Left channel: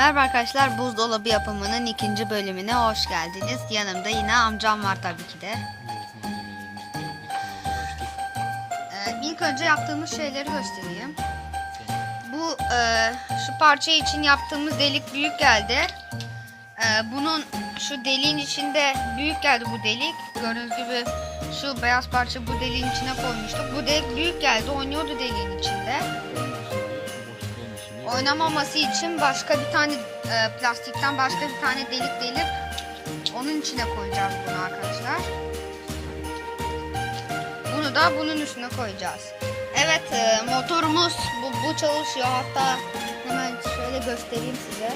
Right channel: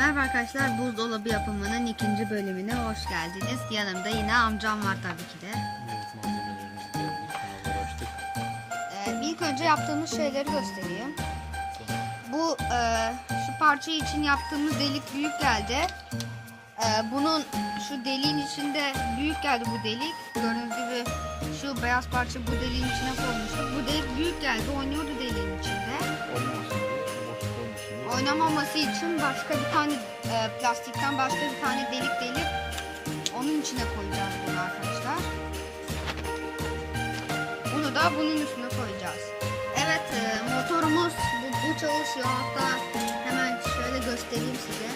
Merhaba arkadaşlar, buzdolabı yapımının ikinci bölümüne hoş geldiniz. Yanımda yine amcam var tabii ki de. İlk önce yaptığımız şeyleri göstereyim. Bu şu parça için yaptığımız delik büyük geldi. Bunun şu deliğin içinde büyük geldi bu delik. Gördüğünüz gibi şu beyaz parça bu deliğin içine koymuştuk. Bu delik büyük geldi, oynuyordu deliğin içinde. Oynamaması için başka bir tane plastikten başka bir tane delik delip onun içine koyacağız bunu arkadaşlar. Bunu da bunun üstüne koyacağız. Evet, motorumuz bu çalışıyor. Hatta hemen şöyle göstereyim size.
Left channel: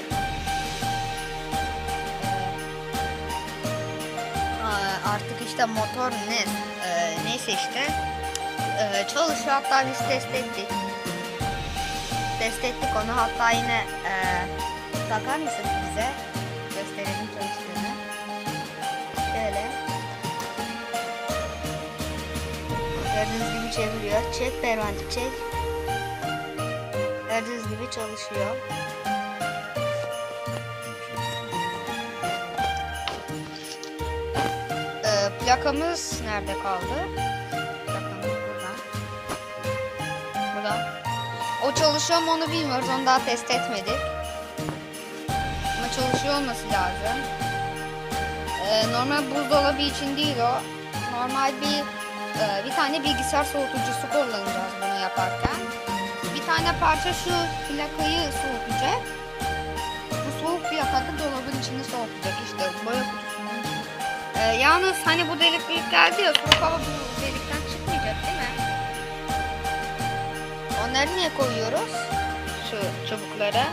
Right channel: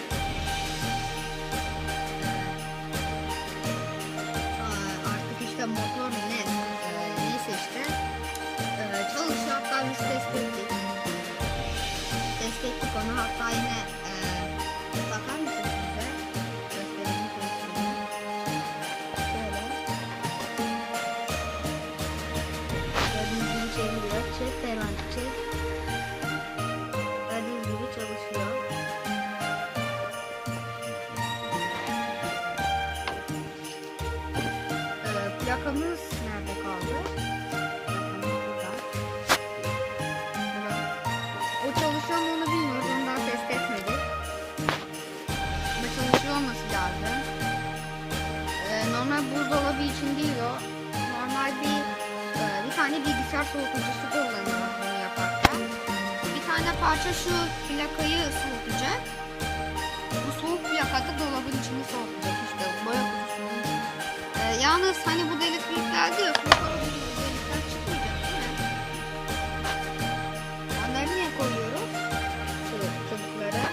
Artık işte motor neyse işte çalışıyor. Hatta biz test ettik. Onu, hatta yine takar mısın bize? Gösterelim çalıştığını. Şöyle. Gördüğünüz gibi çeviriyor. Çek Pervan, çek. Gördüğünüz gibi çalışıyor. Plakamız nerede kaldı? Plakamız burada. Burada. O çalışıyor mu onu bilmiyoruz. Onu daha test etmedik. Ama çalışıyor olması lazım. Normal buzdolabı için değil o. Normal bir tane bilgisayar soğutucusu kullanacağız bunu yaparken. Bir tane parça şu plakayı soğutacak. Bu soğuk plakada dolabın içini soğutacak, işte boya kutusunun içini. Yalnız hani bu delik büyük geldi ya, soğuk hava bu delikten çıkmayacak değil mi? Onları niye koyuyoruz? Şu çubuklara.